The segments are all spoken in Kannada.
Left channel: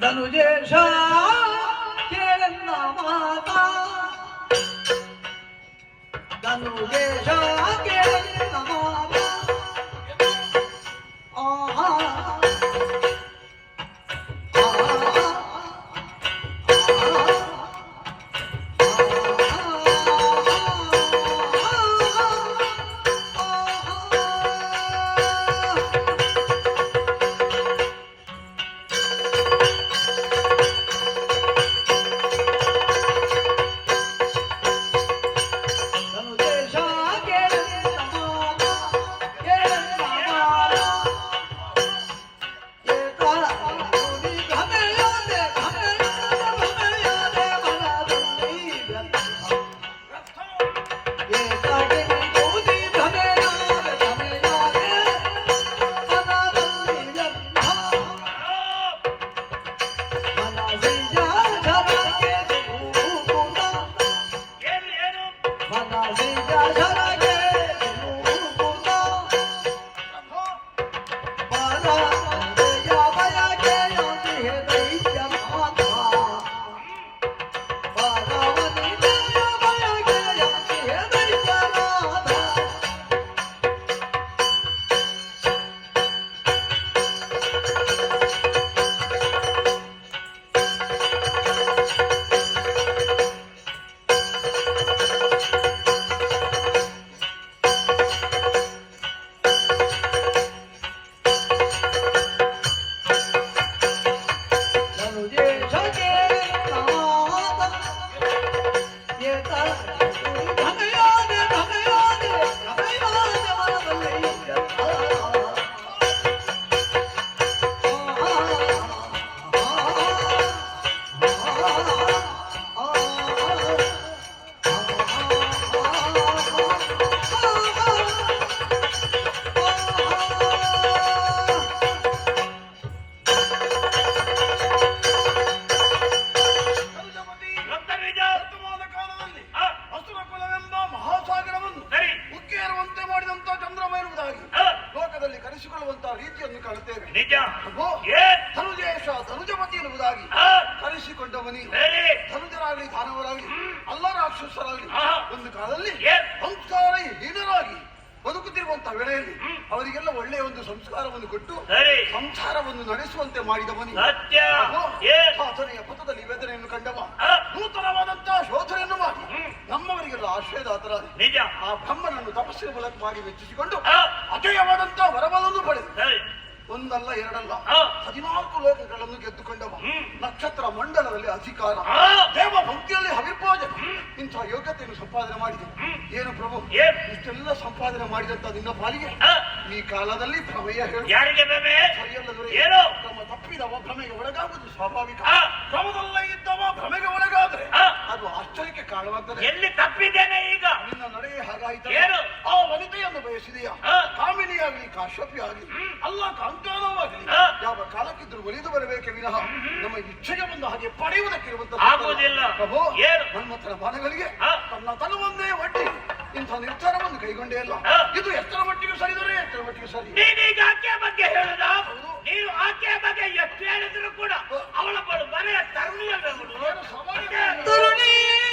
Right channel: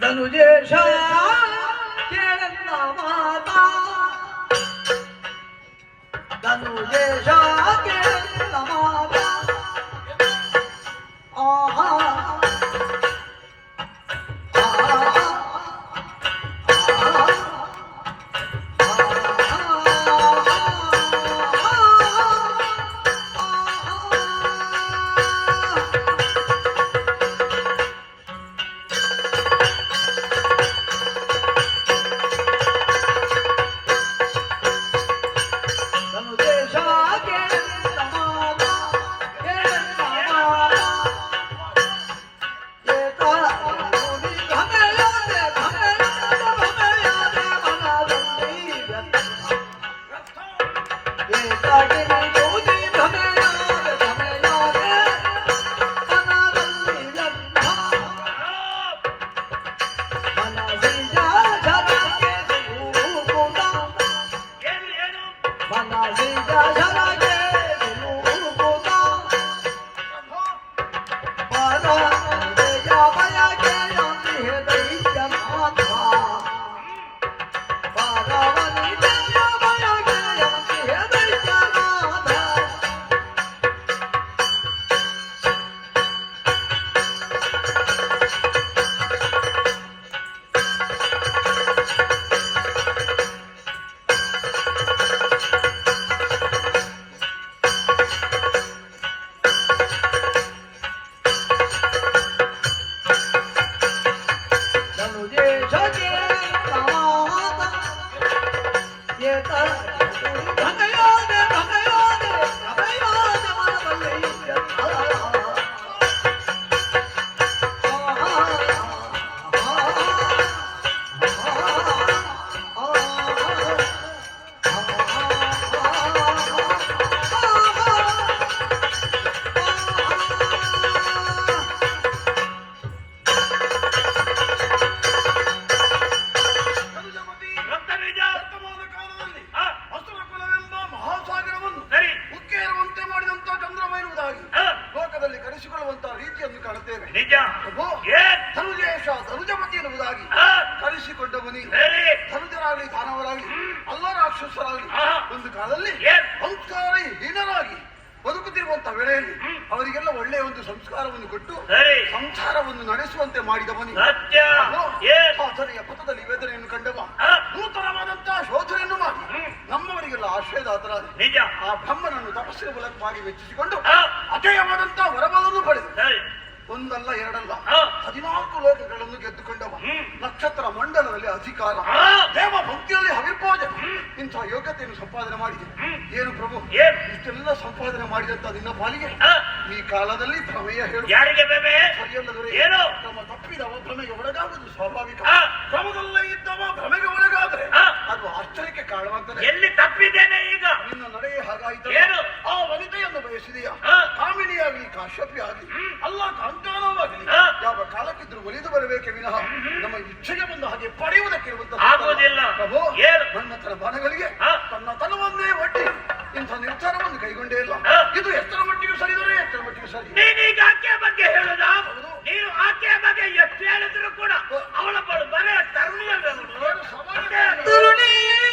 ಧನುಜೇಶ ಕೇಳೆನ್ನ ಮಾತಾ. ಧನುಜೇಶ ಕೇಳೆನ್ನ ಮಾತಾ. ಆಹಾ 这天刚刚也到 ಸಂಸ್ಕಾರವನ್ನು ಕೊಟ್ಟು ಸರಿ. ಸಂಸಾರವನ್ನು ನಡೆಸುವಂತೆ ಮಾಡಿದವನು ಸಾಧನೆಯ ಪಥದಲ್ಲಿ ವೇದನೆಯನ್ನು ಕಂಡವ. ನೂತನವಾದಂತಹ ಶೋಧನೆಯನ್ನು ಮಾಡಿ. ನಮ್ಮವರಿಗೆಲ್ಲ ಆಶ್ರಯದಾತರ ನಿಜ. ಆ ಬ್ರಹ್ಮನನ್ನು ತಪಸ್ಸಿನ ಮೂಲಕ ಮಾಡಿ ಮೆಚ್ಚಿಸಿಕೊಂಡು ಅಜಯವಾದಂತಹ ವರವನ್ನು ಪಡೆದು ಒಂದಲ್ಲ ಎರಡಲ್ಲ. ಹದಿನಾಲ್ಕು ಲೋಕಗಳನ್ನು ಗೆದ್ದುಕೊಂಡವ. ನಕ್ಷತ್ರ ಮಂಡಲದಲ್ಲಿ ಅಧಿಕಾರ. ದೇವ ಭಕ್ತಿಯಲ್ಲಿ ಹವಿರ್ಪೋಜ ಇಂತಹ ಯೋಗ್ಯತೆಯನ್ನು ಸಂಪಾದನೆ ಮಾಡಿದೆ. ಏನು ಪ್ರಭು? ಇಷ್ಟೆಲ್ಲ ಸಂಪಾದನೆ ಮಾಡಿದಂತ ನಿನ್ನ ಪಾಲಿಗೆ? ಈ ಕಾಲದಲ್ಲಿ ಭ್ರಮೆಯ ಹೇಳು ಯಾರಿಗೆ ಬೇಬೆ ಏನು? ತಮ್ಮ ತಪ್ಪಿದವ ಭ್ರಮೆಗೆ ಒಳಗಾಗುವುದು ಸ್ವಾಭಾವಿಕ. ಕ್ರಮದಲ್ಲೇ ಇದ್ದವ ಭ್ರಮೆಗೆ ಒಳಗಾದ್ರೆ ಆ. ಅದು ಆಶ್ಚರ್ಯಕ್ಕೆ ಕಾರಣವಾಗ್ತದೆ. ಎಲ್ಲಿ ತಪ್ಪಿದ್ದೇನೆ ಈಗ? ನಿನ್ನ ನಡೆಯ ಹಾಗಾಯಿತು ಏನು? ಆ ವನಿತೆಯನ್ನು ಬಯಸಿದೆಯಾ. ಕಾಮಿನಿಯಾಗಿ ಕಾಮಿನಿಯಾಗಲಿ ಕಾಶ್ಯಪಿ ಆಗಲಿ ಅಲ್ಲ ಕಾಂತಾನವಾಗಲಿ ಯಾವ ಕಾಲಕ್ಕಿದ್ರು ಒಲಿದು ಬರಬೇಕೆ ವಿನಃ ನಮ್ಮ ಇಚ್ಛೆಗೆ ಬಂದ ಹಾಗೆ ಪಡೆಯುವುದಕ್ಕಿರುವಂತಹ ಆಗುವುದಿಲ್ಲ. ಪ್ರಭು? ನನ್ನ ತರ ಬಾಣಗಳಿಗೆ. ತನ್ನ ತನವನ್ನೇ ಒಡ್ಡಿ ಇಂಥ ನಿರ್ಧಾರವನ್ನು ಕೈಗೊಂಡೇ ಇಲ್ಲ. ಇದು ಎತ್ತರ ಮಟ್ಟಿಗೂ ಸರಿದರೆ ಎತ್ತರ ಮಟ್ಟಿಗೆ ಸರಿ. ನೀನೀಗ ಬಗ್ಗೆ ಹೇಳುದ? ನೀನು ಆಕೆಯ ಬಗ್ಗೆ ಎಷ್ಟು ಹೇಳಿದ್ರು ಕೂಡ ಅವಳ ಬಳು ಬರೇ ತರುಣಿಯಲ್ಲ. ಏನು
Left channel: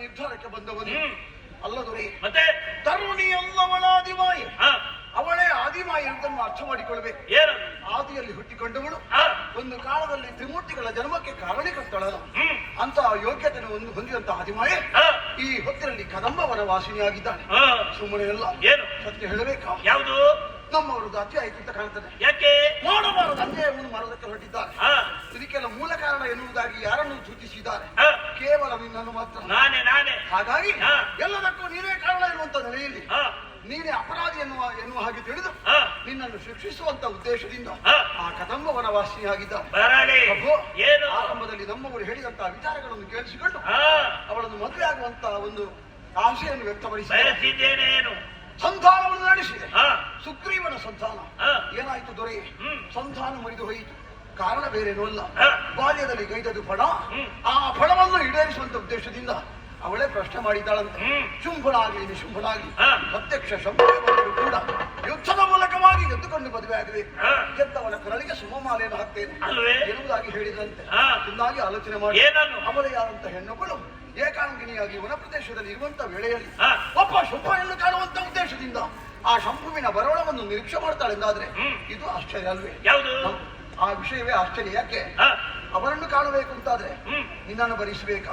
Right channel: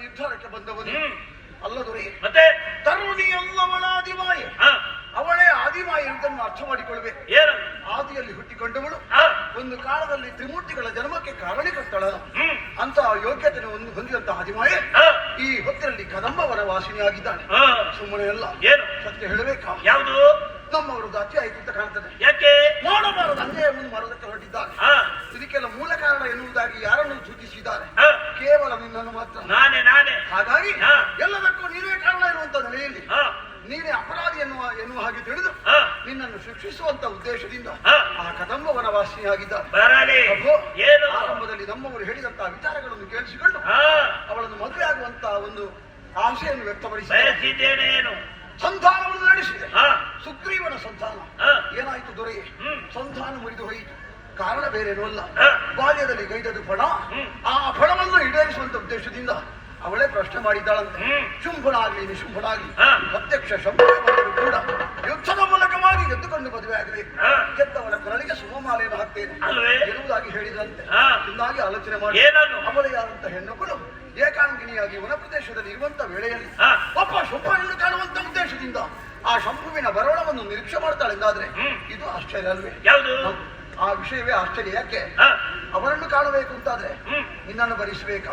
ನಿರ್ಧಾರಕ್ಕೆ ಬಂದವನು. ಅಲ್ಲ ದೊರೆ ಮತ್ತೆ? ತರುಣಿ ಅಲ್ಲವಳ ಆದಿಮಾಯಿ ಅವಳೇ ಆದಿಮಾಯ ಅಂತ ಅರ್ಥ ಮಾಡಿಕೊಳ್ಬೇಕು ಆದಿಯಲ್ಲಿ ಹುಟ್ಟಿಕೊಂಡವಳು. ಒಂದು ಕಾಲದಲ್ಲಿ ತ್ರಿಮೂರ್ತಿಗಳ ಜನ್ಮಕ್ಕೆ ಕಾರಣೀಕರ್ತಳ. ಅಂತ ಯೋಗ್ಯತೆ ಒಂದು ಹೊಂದಿದಂತಹ ಆದಿಮಾಯಿ ಈ ಹೊತ್ತಿನಲ್ಲಿ ಕದಂಬವರ ವಾಸಿನಿಯಾಗಿದ್ದಾನೆ. ಸುಮ್ಮನೆ ಎಲ್ಲ ಸತ್ಯ ಹೇಳಬೇಕಾ? ಯಾವುದು? ನಮ್ಮವರು ಜಾತಿ ಆಯ್ತು ಅಂತ ಕಾಣ್ತದೆ. ಯಾಕೆ? ಮಾಡಬಾರದು ಅನ್ಯಾಯವನ್ನು ಮಾಡೋದಕ್ಕೆ ಹೊರಟಿದ್ದಾರೆ ಇದಕ್ಕೆಲ್ಲ ಮೂಲ ಕಾರಣ ಎನ್ನುವುದಾಗಿ ಯಾರನ್ನು ಸೂಚಿಸಿದ್ದಾರೆ ಕೇವಲ ನಿನ್ನನ್ನು ಮಾತ್ರ. ನಾನೇ ನಾನೇ. ಹಾಗಾಗಿ. ಎಲ್ಲದಕ್ಕೂ ನೀನೇ ಕಾರಣ ಇರುವಂತ ನೆಲೆಯಲ್ಲಿ ನೀನೇ ಅಪರಾಧಿ ಎನ್ನುವ ಎನ್ನುವ ಹಾಗೆ ತಿಳಿದು ನಿನ್ನನ್ನು ಶಿಕ್ಷಿಸುವಂತ ಉದ್ದೇಶದಿಂದ ಆ ಕದಂಬ ವನವಾಸಿಯಾಗಿದ್ದಾನೆ ಏನು? ಆರಂಭದಲ್ಲಿ ನಮ್ಮವರು ಹೇಳಿದಂತಹ ವಿಚಾರಗಳನ್ನು ಕೇಳಿಸಿಕೊಂಡು ಅವಳನ್ನು ಮದುವೆ ಆಗುವಂತ ಒಂದು ಆಶೆಯನ್ನು ವ್ಯಕ್ತಪಡಿಸಿ ಬಯಸಿದ್ದೇನೆ ಏನು? ಸಂಧಾನವನ್ನು ನಡೆಸಿದೆ. ಸುಗ್ರೀವನ ಸಂಧಾನ. ಏನಾಯಿತು ದೊರೆ. ಸಂಧಾನ ಮುರಿದು ಹೋಯಿತು. ಕಾರಣ ಬೇರೇನೂ ಅಲ್ಲ. ಬಾಲ್ಯದಲ್ಲಿ ಗೈದದ್ದು ಫಣ ಆ ಫಣವನ್ನು ಈಡೇರಿಸುವಂತ ಉದ್ದೇಶದಿಂದ ಅವಳೇ ಪ್ರಶ್ನೆ ಮಾಡಿದ್ದಾಳಂತೆ ಶುಂಭಳ ಶುಂಭನಾಗ್ಲಿ ನಿಶುಂಭಳ. ಪ್ರತ್ಯಕ್ಷ ಶಂಭನೇ ಕೂಡ ಯುದ್ಧದ ಮೂಲಕವಾಗಿ ಎದ್ದುಕೊಂಡು ಮದುವೆ ಆಗಬೇಕು ಆ. ಗೆದ್ದವನ ಕೊರಳಿಗೆ ಸುಮಮಾಲೆಯನ್ನು ಹಾಕ್ತೇನೆ? ಎನ್ನುವುದಾಗಿ ಹೇಳಿದಂತೆ. ಚೆನ್ನಾಗಿ ಆಲೋಚನೆ ಮಾಡಿ ಏನನ್ನು? ಅವಳೇ ಆದಂತಹ ಹೆಣ್ಣುಗಳು ಏಕಾಂಗಿನಿಯಾಗಿ ವನ ಪ್ರದೇಶದಲ್ಲಿ ಇರುವಂತ ವೇಳೆಯಲ್ಲಿ. ಒಬ್ಬ ಶುಂಭನನ್ನು ಕಾಣುವಂತ ಉದ್ದೇಶದಿಂದ ಆ ಶಂಭುವಿನ ಬರೋಣವನ್ನು ನಿರೀಕ್ಷೆ ಮಾಡ್ತಾಳೆಂದಾದ್ರೆ ಇದು ಆಶ್ಚರ್ಯ ಅಲ್ವೇ. ಆ ವಿಷಯವೇ ಆಶ್ಚರ್ಯ. ಯಾಕೆ? ಅವರನ್ನು ಕಾಣಬೇಕು ಅಂತಾದ್ರೆ. ನಿನ್ನನ್ನು ಭರಿಸಬೇಕಾ?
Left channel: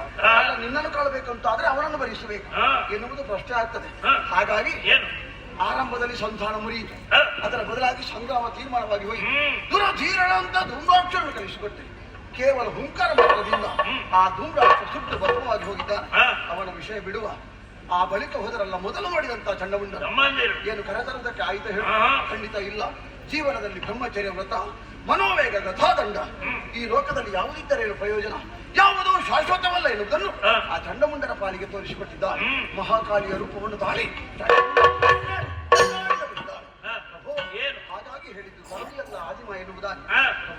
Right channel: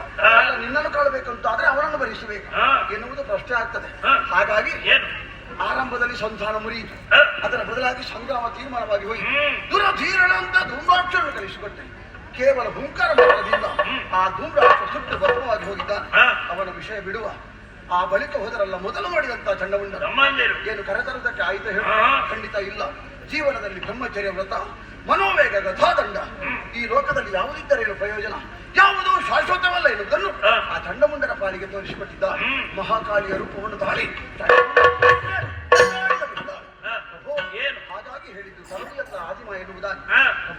ನಿನ್ನನ್ನು ಕಾಣಬೇಕು ಅಂತಾದ್ರೆ ಅವರನ್ನು ಭರಿಸಬೇಕು. ಎನ್ನುವುದು ಪ್ರಶ್ನೆ ಆಗ್ತದೆ. ಹಾಗಾಗಿ ಆರಂಭದಲ್ಲಿ ಸಂಧಾನ ಮುರಿಯಿತು ಅದರ ಬದಲಾಗಿ ಸಂಗ್ರಾಮ ತೀರ್ಮಾನವಾಗಿ ಹೋಯಿತು ಹ್ಮ್. ದುರಧೀರಣ ಅಂತ ಧೂಮ್ರಾಕ್ಷರನ್ನು ಕಲಿಸಿಕೊಟ್ಟೆ. ಕೇವಲ ಹುಂಕಾರ ಮಾತ್ರದಿಂದ ಆ ಧೂಮ್ರಾಕ್ಷ ಸುಟ್ಟು ಭದ್ರವಾಗಿ ಹೋಗಿದ್ದ. ಅವನ ವಿಷಯ ಬಿಡುವ. ಆ ಬಳಿಕ ಹೋದರಲ್ಲ ಮೊದಲು ಮಾಡಿದಂತ ಚಂಡಮುಂಡ ಏನು ಕರೆತರದಕ್ಕೆ ಆಯ್ತು ಹೇಳು. ಖಂಡಿತ ಇಲ್ಲ. ಜೀವನದಲ್ಲಿ ಬ್ರಹ್ಮಚರ್ಯ ವ್ರತ ಮನೋವೇಗ ಗಥಾದಂಡ ಈ ಲೋಕದಲ್ಲಿ ಯಾವುದಿದ್ದರೇನು ಪ್ರಯೋಜನ ಯಾವುದು ಶಾಶ್ವತವಲ್ಲ ಎನ್ನುವುದನ್ನು ಆ. ಚಂಡಮುಂಡನ ಪಾಲಿಗೆ ತೋರಿಸಿಕೊಟ್ಟಿದ್ದ. ಮಹಾಕಾಲಿಯ ರೂಪವನ್ನು ತಾಳಿ ಹಾಗಾಗಿ ಹೇಳಿದ್ದು ಆದಿಮ ಎನ್ನುವುದಾಗಿ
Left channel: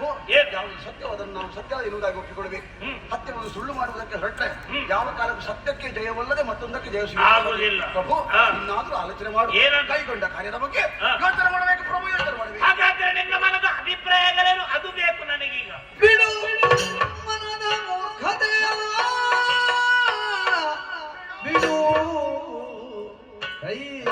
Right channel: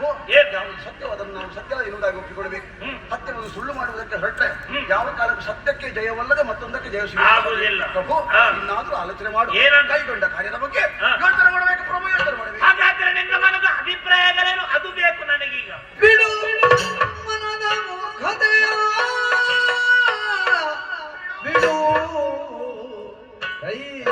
ಆ, ಯಾವುದು ಸತ್ಯವೋ ಅದನ್ನು ನಾವು ಸತ್ಯ ಎನ್ನುವುದಾಗಿ ಒಪ್ಪಿಕೊಳ್ಬೇಕು. ಹ್ಮ್. ಸತ್ಯವನ್ನು ಸುಳ್ಳು ಮಾಡುವುದಕ್ಕೆ ಹೊರಟೆ ಯಾವ ಕಾಲಕ್ಕೂ ಸತ್ಯಕ್ಕೆ ಜಯವಲ್ಲದೆ ಮತ್ತೊಂದಕ್ಕೆ ಜಯ ಸಿಗುವುದಿಲ್ಲ. ಪ್ರಭು. ಇನ್ನಾದ್ರೂ ಆಲೋಚನೆ ಮಾಡು? ಕೈಗೊಂಡ ಕಾರ್ಯದ ಬಗ್ಗೆ. ಯೋಚನೆ ಮಾಡಬೇಕು. ಪ್ರಭು ಯೋಚನೆ ಮಾಡಬೇಕು. ಹಾಗಾದ್ರೆ ನಿನ್ನ ಮನದ ಅಭಿಪ್ರಾಯಗಳೇನು? ಅದು ಬೇಕು ನನಗೀಗ. ಬಿಡು ಮನದ ಮೂರ್ಖತೆಯ. ಬಿಡು. ಕೈ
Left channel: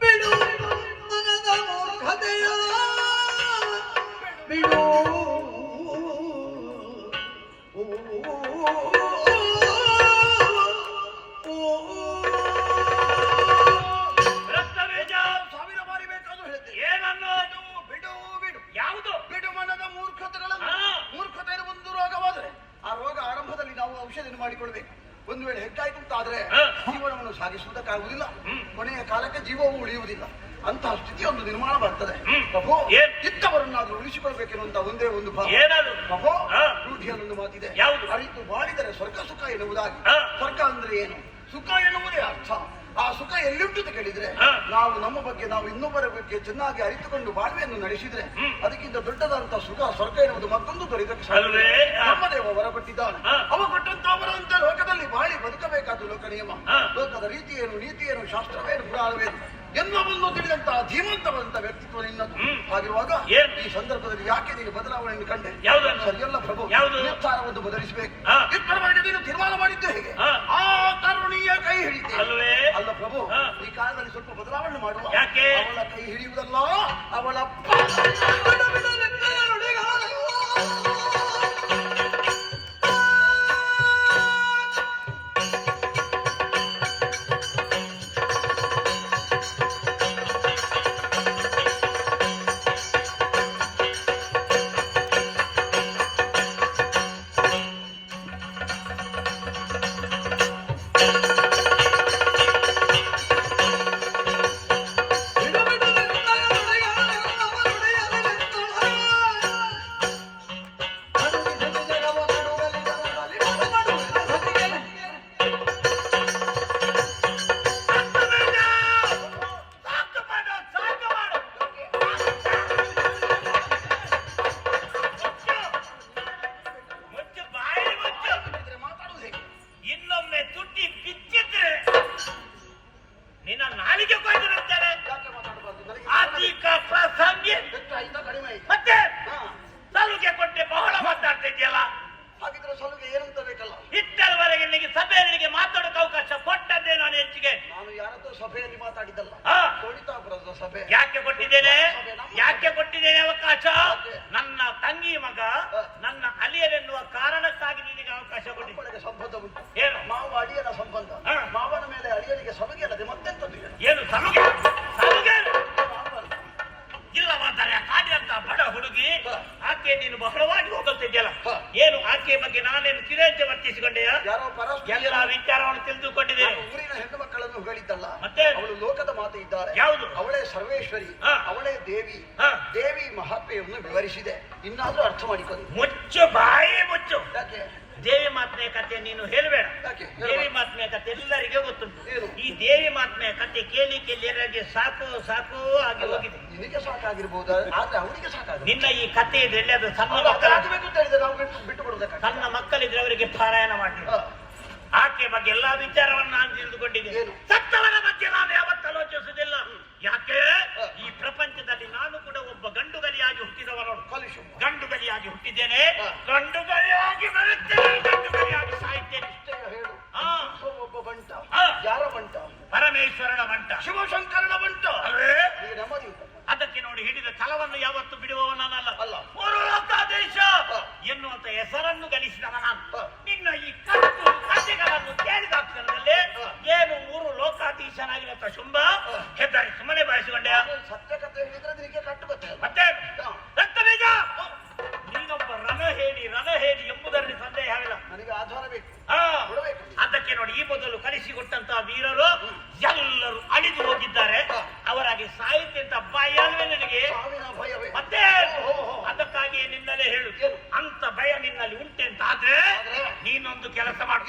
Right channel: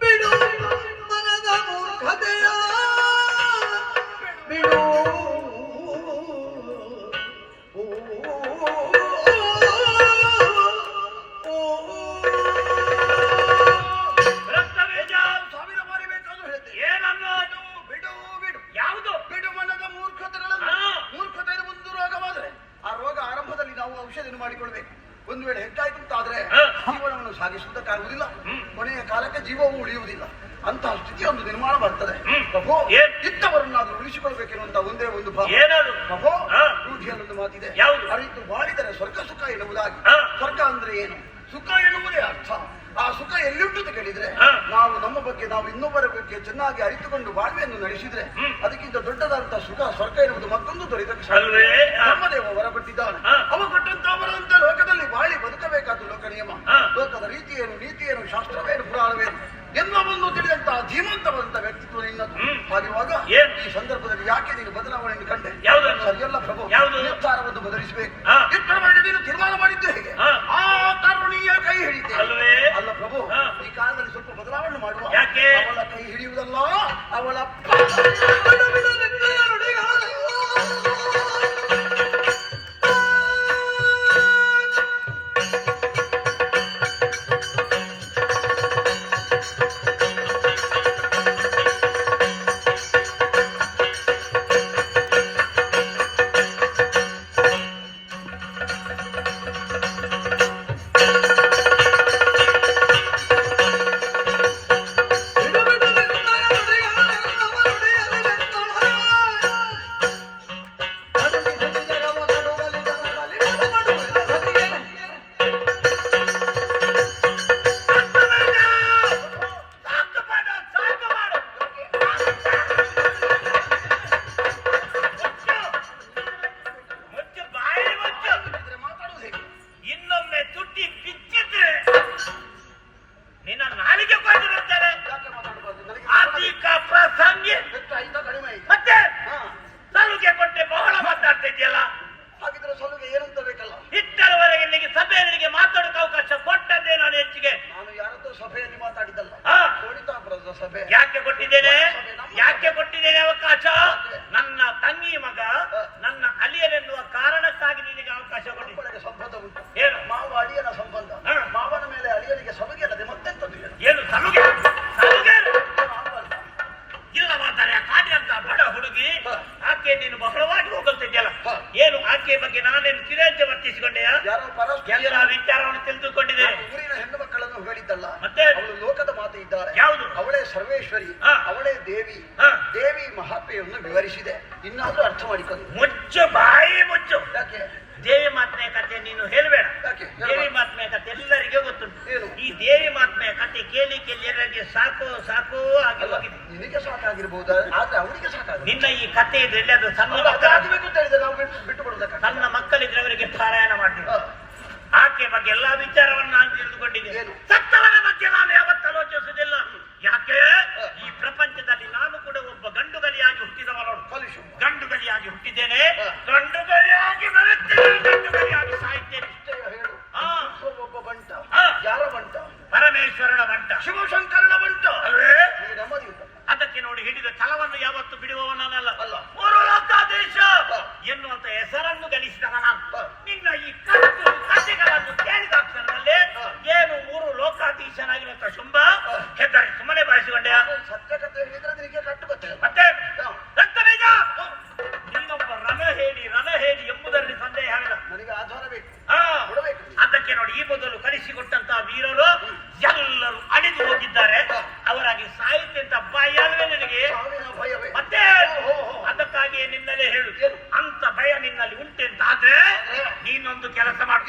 ಬಿಡು ಮನದ ಮೂರ್ಖತೆಯ ಬಿಡು ಕೊನೆಯ ಕಾಲಕ್ಕೆ ಜೀವವು ಉಳಿಯುವುದಿಲ್ಲ. ಅಂತಹ ಸ್ಥಿತಿ ಒಂದು ನಿರ್ಮಾಣ ಬರ್ತದೆ. ಇತ್ತವರನ್ನಾದ್ರೂ ಪ್ರಭು ಏನ್? ಇದ್ದವರನ್ನಾದ್ರೂ ಉಳಿಸಿಕೊಳ್ಬೇಕೆನ್ನುವಂತ ಒಂದೇ ಒಂದು ಭಾವ ಪ್ರಭು. ರೂಢಿಯಲ್ಲೊಂದು ಮಾತಿದೆ? ಅರಿತು ಬಾಳಿದರೆ ಸ್ವರ್ಗ ಸುಖ ಎನ್ನುವುದಾಗಿ. ಸ್ವರ್ಗ ಅಂದ್ರೆ ಏನು? ಸುಖ ಎನ್ನುವುದೇ ಅರ್ಥ. ಆ ಸುಖ ಎಲ್ಲಿಟ್ಟು ಅಂತ ಕೇಳಿದ್ರೆ ನಾವು ನಮ್ಮ ಬಗ್ಗೆ ನಾವು ಇನ್ನೊಬ್ಬರ ಬಗ್ಗೆ ಚೆನ್ನಾಗಿ ಅರಿತುಕೊಂಡು ಬಾಳ್ವೆಯನ್ನು ನಡೆಸಿದ್ರೆ. ಅದಕ್ಕಿಂತ ದೊಡ್ಡದಾದಂತಹ ಸುಖ ಸ್ವರ್ಗ ಎನ್ನುವುದು ಮತ್ತೊಂದು ದೊರೆತ. ನಮ್ಮ ದೇವ ಆ. ಅವ ಕೊಟ್ಟಂತವರಂತೆ ಲೋಕದಲ್ಲಿ ಬಾಳಿ ಬದುಕಬೇಕಾದ ಲೋಕ ನಿಯಮ. ರೀತಿಯೇನು ನೀತಿಯೇನು ಶಾಸ್ತ್ರವೇನು ಪುರಾಣವೇನು ಎಲ್ಲವನ್ನು ತಿಳಿದಂತಹ ಧೀಮಂತವಂತ ವ್ಯಕ್ತಿತ್ವ ನಿನ್ನದು ಆಗಿರುವಾಗ ಹಾಗಿರುವಾಗ ಈ ಸಂದರ್ಭದಲ್ಲಿ ಯಾಕೆ ನೀನು ಬದಲಾವಣೆಯನ್ನು ಕಂಡೆ? ಸರಿಯಲ್ಲ ಪ್ರಭು ಯಾವುದು? ನಿರ್ಧಾರವನ್ನು ಬದಲಿಸಬೇಕು. ಮಾಡಿ ನೀನು ತೀರ್ಮಾನ ಮಾಡಿದ್ದು ಹೇಗೆ ಆ. ಕರುಣೀಯ ಕೈ ಹಿಡಿತೆ ಅಲ್ವೇ? ಅಲ್ಲ ಪ್ರಭು ಈ ಕಾಲದಲ್ಲಿ ಸ್ವಲ್ಪ ಬದಲಾವಣೆ ಮಾಡುವ ಯಾಕೆ? ಅವಳ ಕೈ ಹಿಡಿಯುವುದಲ್ಲ ಅವಳ ನಿನ್ನ ನಾಲಿಗೆ ಕೊಯ್ದಿರುತ್ತಾರೆ ಆರ್ಥಿಕ ಪ್ರಸಂಗಿ. ಮತ್ತೆ ಸಲುಗೆ ಕೊಟ್ಟೆ ಬಹಳ ಮಾತಾಡ್ತಾ ಇದೆಯಲ್ಲ ಹಾಗಿದ್ರೆ ಸಲುಗೆ ಏನು ಅಂತ ಬೇಕಲ್ಲ ಇಷ್ಟರವರೆಗೆ ನಿನಗೆ ಸಭೆಯಲ್ಲಿ ಮಾತಾಡೋಕೆ ಅವಕಾಶ ಕೊಟ್ಟದ್ದೇ ನಾನು ಹೆಚ್ಚಿಗೆ. ನಾನು ಯಾರದ್ದು ಸಭೆಯಲ್ಲಿ ಮಾತಾಡಿದ್ದಲ್ಲ ಸೋಣಿತಾಪುರದ ಸಭೆ ಯಾಕೆ ಕೊಟ್ಟಿದ್ದೇನೆ? ಯಾಕೆ ಕೊಟ್ಟಿದ್ದೇನೆ ಅವಕಾಶ? ನನ್ನ ತಂಗಿ ಮಗ ನನ್ನ ಅಳಿಯರೆನ್ನುವ ಕಾರಣಕ್ಕಾಗಿ ನಿನಗೆ ಅವಕಾಶ ಕೊಟ್ಟಿದ್ದೇನೆ ಸಂಬಂಧ ಉಂಟು ಮಾವ ಅಳಿಯನ ಸಂಬಂಧ. ಮಾವನ ಮೇಲೆ ಅಳಿಯನಿಗೆ ಸಭೆ ಏನು ಏನು ಆಗಬಾರ್ದ? ಇಲ್ಲವಾದರೆ ಕಾಡಿ ಅಂತ ಬಡ ಹುಡುಗಿ. ಆಕೆ ನೀನು ಬಹಳವಾಗಿ ಹೋಗಲ್ತಿದ್ಯಲ್ಲ. ಏನು ಆಕೆ ಬಗ್ಗೆ ನಾನೇನು ತಿರಂತೆ ವರ್ತಿಸಿಕೊಂಡೆಯ ಎಲ್ಲ ವಿಚಾರವನ್ನು ತಿಳಿದುಕೊಂಡಿದೆ ಊರಿನ ಹೆಣ್ಣು ಮಕ್ಕಳನ್ನು ಹೇಳಿದ್ದಲ್ಲ ಮತ್ತೆ? ಅವಳು ಲೋಕದ ಮಾತು ಇದ್ದಾರೆ ಯಾವುದು? ಅವಳೇ ಸರ್ವೇಶ್ವರಿ. ಅವಳೇ ದೇವಿ. ದೇವಿ ಮಹಾತ್ಮೆಯನ್ನು ವಿವರಿಸಿದೆ ಇನ್ನಾದ್ರೂ ಅರ್ಥ ಮಾಡಿಕೊಂಡು ಮುಚ್ಚು ಬಾಯಿ ಮುಚ್ಚು ಯಾಕೆ ದೇವಿ ಮಾತ್ಮೆಯ ಕಥೆ ನೀನು ಹೇಳಬೇಡ? ದೇವಿ ಮಾತ್ಮೆಯ ಕಥೆ ಎಲ್ಲರಿಗೆ ಗೊತ್ತುಂಟು? ಈ ದೇವಿ ಮಾತ್ಮೆಯ ಕಥೆ ಕೇಳಿ ಕೇಳಿ ಸಾಕು ಸಾಕು ಆಗಿ ಹೋಗಿದೆ. ನಿನಗೆ ಸಾಕಾಗಿರ್ಬೋದು ಆದ್ರೆ ಅವನಿಗೆ ಸಾಕಾಗ ನಿನ್ನ ಈ ಕಥೆ ಇದ್ರೆ ಅದು ಸಣ್ಣ ಕೊಡೋದಕ್ಕೆ ಸಣ್ಣ ಮಕ್ಕಳಿದ್ರೆ ಅವರಿಗೆ ಪಾರಾಯಣ ಮಾಡ್ತೀವಿ. ಆಕೆ ಬಗ್ಗೆ ಎಲ್ಲಾ ವಿಚಾರವನ್ನು ನಾನು ತಿಳಿದುಕೊಂಡಿದ್ದೇನೆ? ಸತ್ತವರ ಬಗ್ಗೆ ನಾನು ಯಾವತ್ತು ಆಲೋಚಿಸುವುದಿಲ್ಲ. ಯಾಕೆ? ಈ ಪ್ರಪಂಚದಲ್ಲಿ ನಾನು ಕೂಡ ಒಬ್ಬ ಗಂಡುಗಲಿಯಾಗಿ ಹುಟ್ಟಿದವನೋಡು ಕಲಿಸು ಗಂಡುಗಲಿಯಾಗಿ ಹುಟ್ಟಿದ್ದೇನೆ. ಹ. ಗಂಡುಗಲಿಯಾಗಿ ಬರುತ್ತೇನೆ ಗಂಡುಗಲಿಯಾಗಿ ಸಾಯ್ತೇನೆ ಒಬ್ಬ ಬಂಟ. ಯಾರ ಬಂಟ? ಪರಮೇಶ್ವರನ ಮಂಟ ಶಿವಶಂಕರನ ಬಂಟ. ಅಲ್ವೇ ಅದಕ್ಕೆ ನೋಡಿ ಹಿಡಿದ ಛಲವನ್ನು ಯಾವತ್ತು ಬಿಡುವವನಲ್ಲ ಅಲ್ಲ. ಮೂರು ಲೋಕಾದೇಶ. ಎನ್ನುವಂತ ಹೆಸರನ್ನು ಗಳಿಸಿದವನ ನಾನು. ನಿನ್ನ ಈ ಕಟ್ಟು ಕಥೆಗಳನ್ನು ಕೇಳಿದ ಕ್ಷಣದಲ್ಲಿ ಏನು ಮೂರು ಲೋಕಾಧೀಶನಾಗಿರುವಂತ ಶುಂಭ? ಹೆದರಿ ಹೆದ್ದಾರಿ ಸುಮ್ಮನೆ ಬಾಯಿಸಿಕೊಂಡೆ ಸತ್ಯ ಕಥೆ ಹೇಳಿದ್ರೆ ನಿನಗೆ ಕಟ್ಟು ಮತ್ತೆ ಹೇಳಿ ರಣ ಹೇಳಿ ಎಂಬುದರಲ್ಲಿ ಸಂದೇಹವಿಲ್ಲ ನನಗೆ ಆಧಾರ ಬೇಕು ಹಾ. ಕೊಡಬೇಕು. ಅದಕ್ಕೆ ನೋಡಿ ಈ ಮೊದಲು ಕಳಿಸಿಕೊಟ್ಟಂತಹ ವೀರರು ಎಲ್ಲರೂ ಅಳಿದು ಹೋಗಿದ್ದಾರೆ. ಅವರಾಗಿ ಸಾಹಿತ್ಯ ಅಂತ ಬಾಯಲ್ವೇ ನಿನಗೆ ಮತ್ತೆ. ಅದಕ್ಕಾಗಿ ನಿನ್ನಲ್ಲೇ ಹೇಳು ಅಂತ ಭಯ ನಿನ್ನಲ್ಲಿ ಉಂಟೆ ಅಂತ ಆದ್ರೆ ಆದ್ರೆ? ನೀನೊಂದು ಕೆಲಸ ಮಾಡು